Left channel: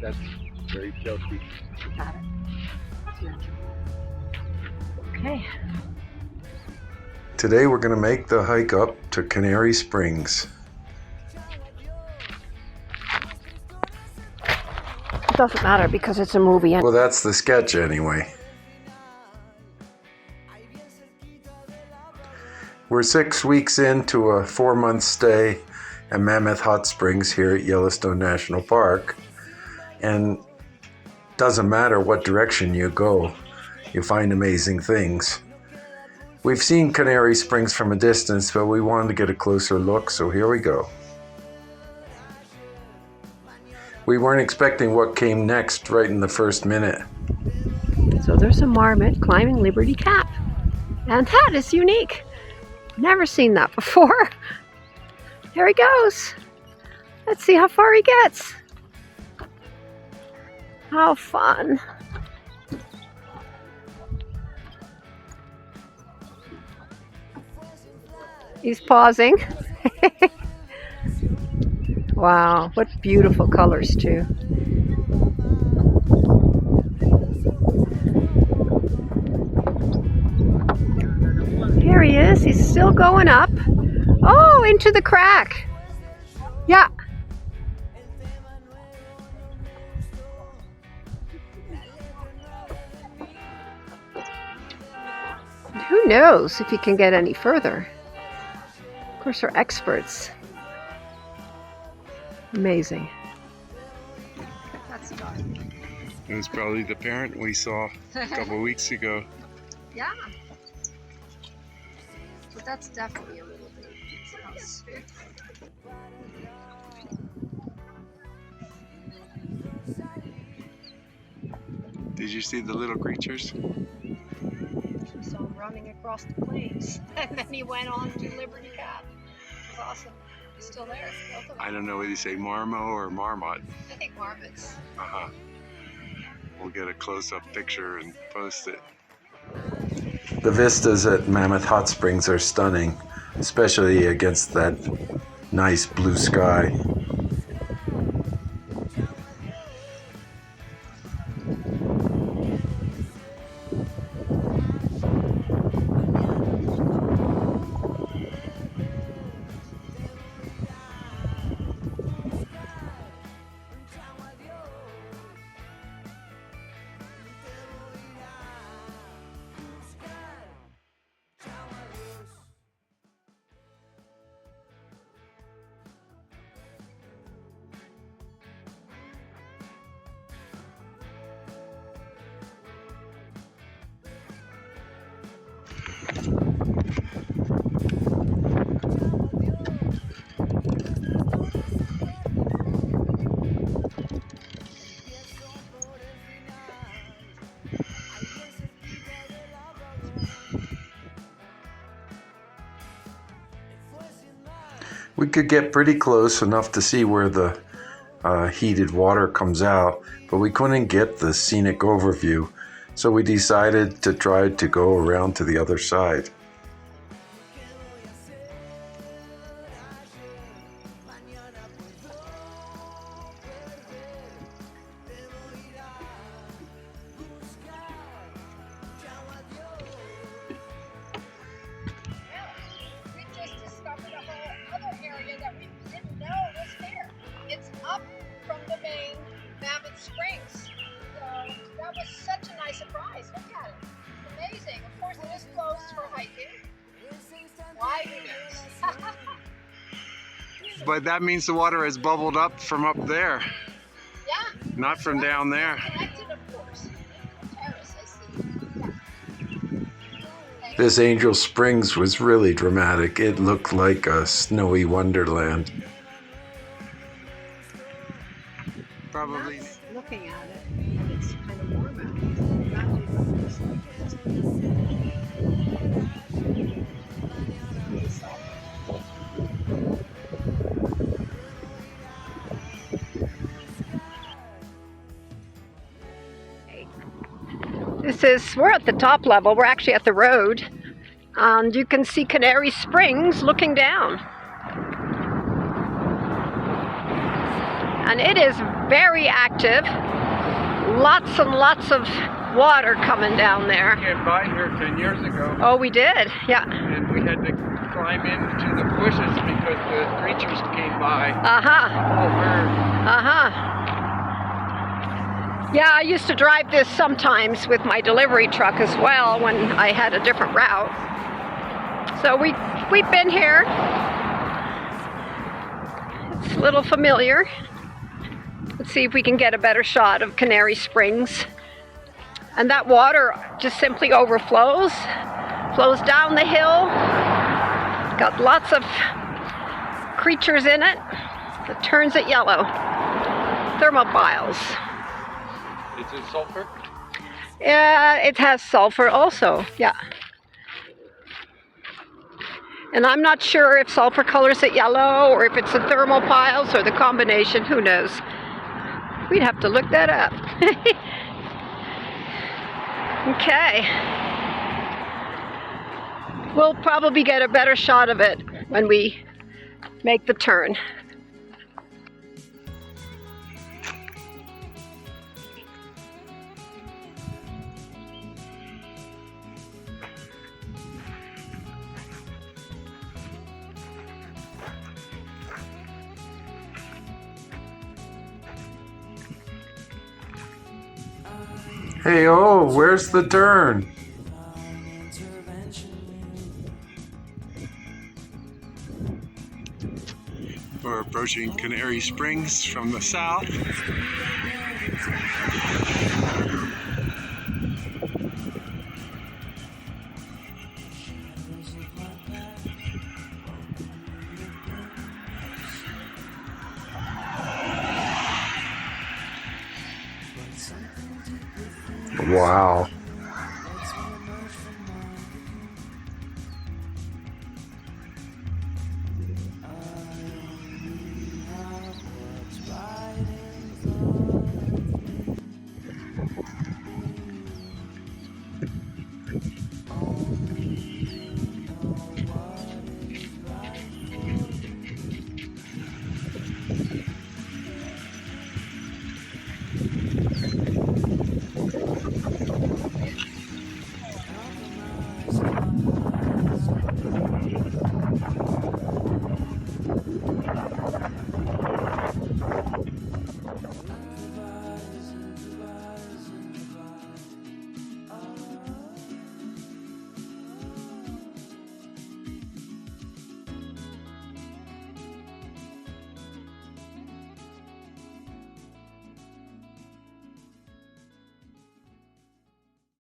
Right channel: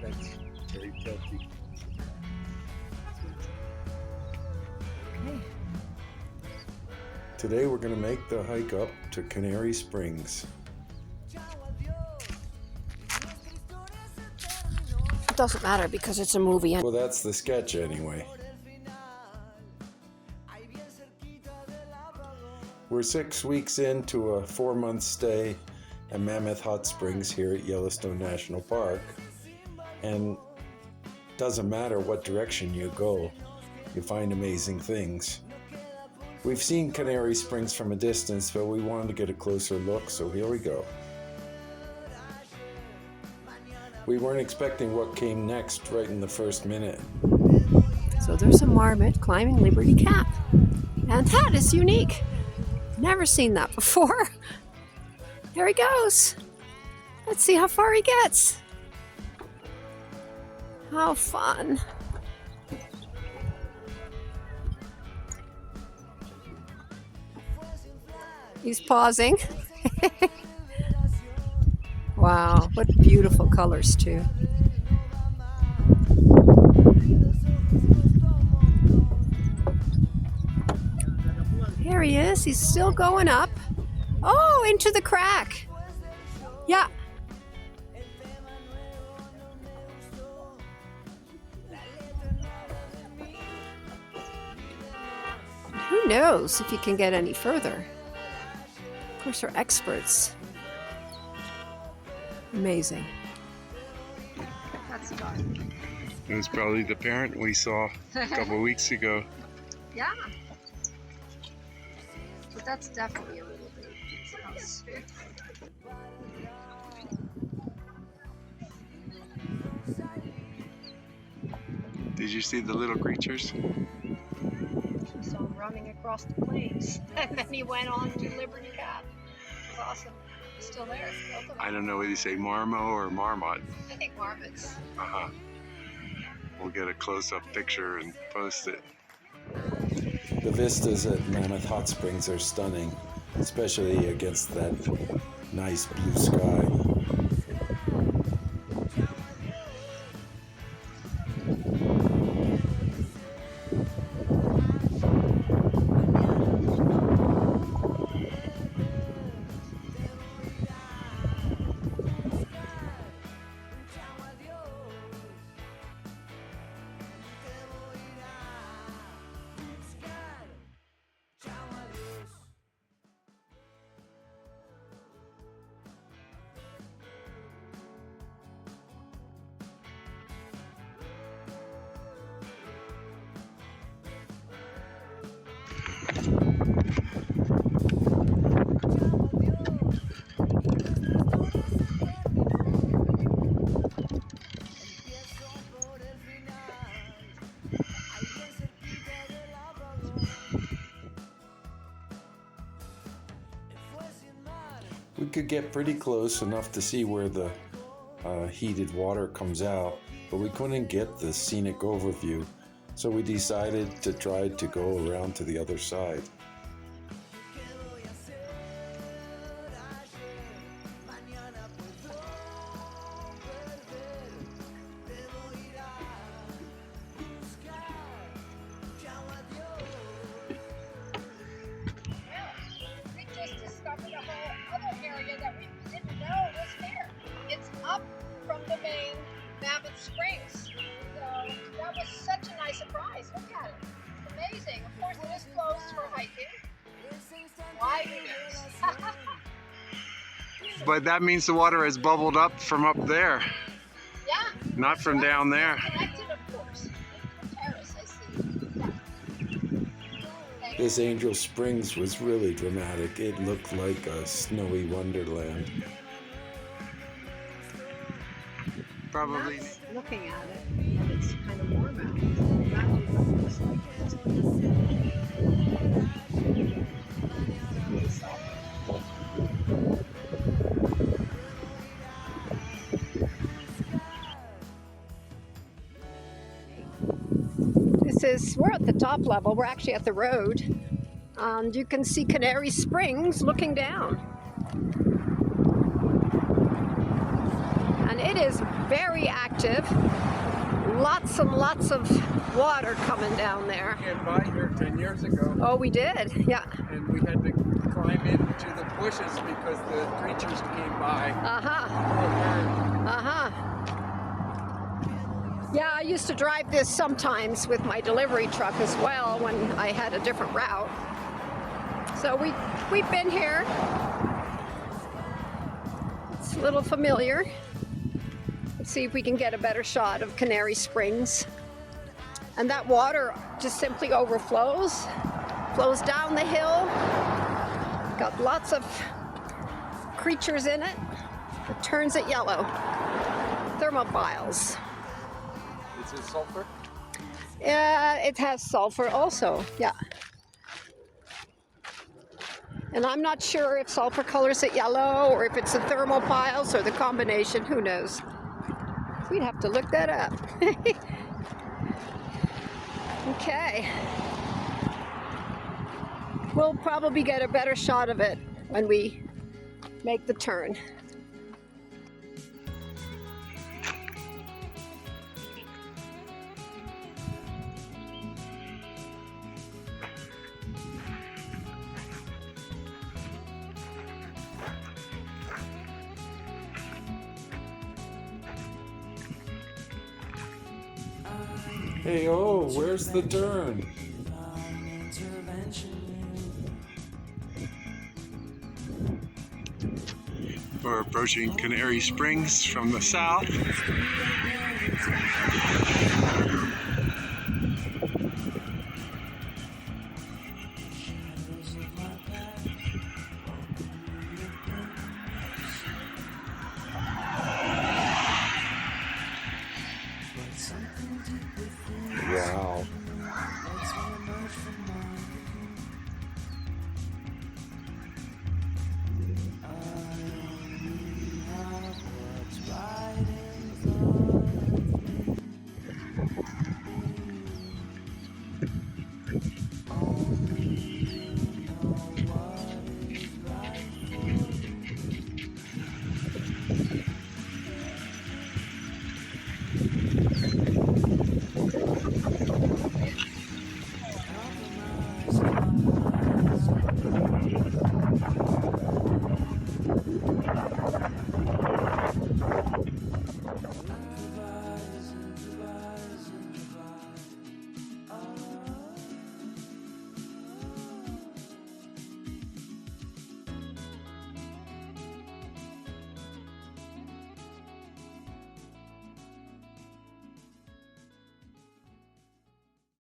That's very tilty. Got it. Okay. Today we're going to make the hike up to Canary Springs. It doesn't matter because it's a movie. Well, that's the sketch anyway. We're 6 weeks into a 4-month stay at Mammoth Hot Springs here at Yellowstone National Park. And doesn't matter what direction you go, you find amazing things. We've seen Canary Springs from a distance, but we wanted to get a closer look, so here we go. We weren't expecting what came next right in the first minute. So there's a marmot climbing Liberty Cap. And that is unique. Never seen that before. There he goes. Let's see how far he gets. How fun. He's pausing. Wow, what beautiful colors too. Here he is. He's still going up. Oh, into the crack. Yeah. Who knows if he can get any further? Of course, we're experts. Amazing. That's dark. It was probably the parent we saw a couple of weeks ago. Yeah. But that's definitely a little bit. House. Did you see the little creatures? We saw him running across the plains, and then he went on to Liberty Cap. It was awesome. He's still there. Both of them. I don't know whether you say Marmot or Marmot. I think marmots. Uh-huh. We'll get a close-up picture and post it. The vistas at Mammoth Hot Springs are stunning, especially against that nice blue sky. We could get pretty close enough to see where the heated water comes out, but we couldn't get the scenic overview, so we decided to try to go around to the other side. From the main Mammoth Springs. So that was such a nice surprise. Look at it. It's amazing. Of course, it is closed for hiking. Why who knows? But that means the water has bubbled up from up there. Yeah. Not from down there. Connected, of course. The terrace, I see. Yeah. This Angel Springs was really dramatic. It looked like a snowy wonderland. Probably. That's looking at it, and it's kind of warm out. We're at the top level. We're actually at the road, and you can see Canary Springs looking down. and it is very active. Lots and lots of water coming down there. We came by here 10 years ago, Oh, we did, yeah. and we had to climb into the bushes because the creatures came by. Uh-huh, Over. uh-huh. Yeah, I used to drive this sometimes with my delivery truck as well when I had a different route. So we've been here. It's a little familiar. Let's see if we can get a better shot of Canary Springs. And that water just simply overflows, flows down the hill. Got lots of creatures in it. It turns it yellow. Thermophiles. Is it sulfur? It has sulfur also, yeah. And I'm not sure if sulfur colors it yellow or if it's the thermophiles or the combination, who knows. We'd have to look that up. Okay. We'll probably get a better shot of it when we make the turn. Hey, oh, where's the turn? We're approaching Canary Springs from the south. Wow.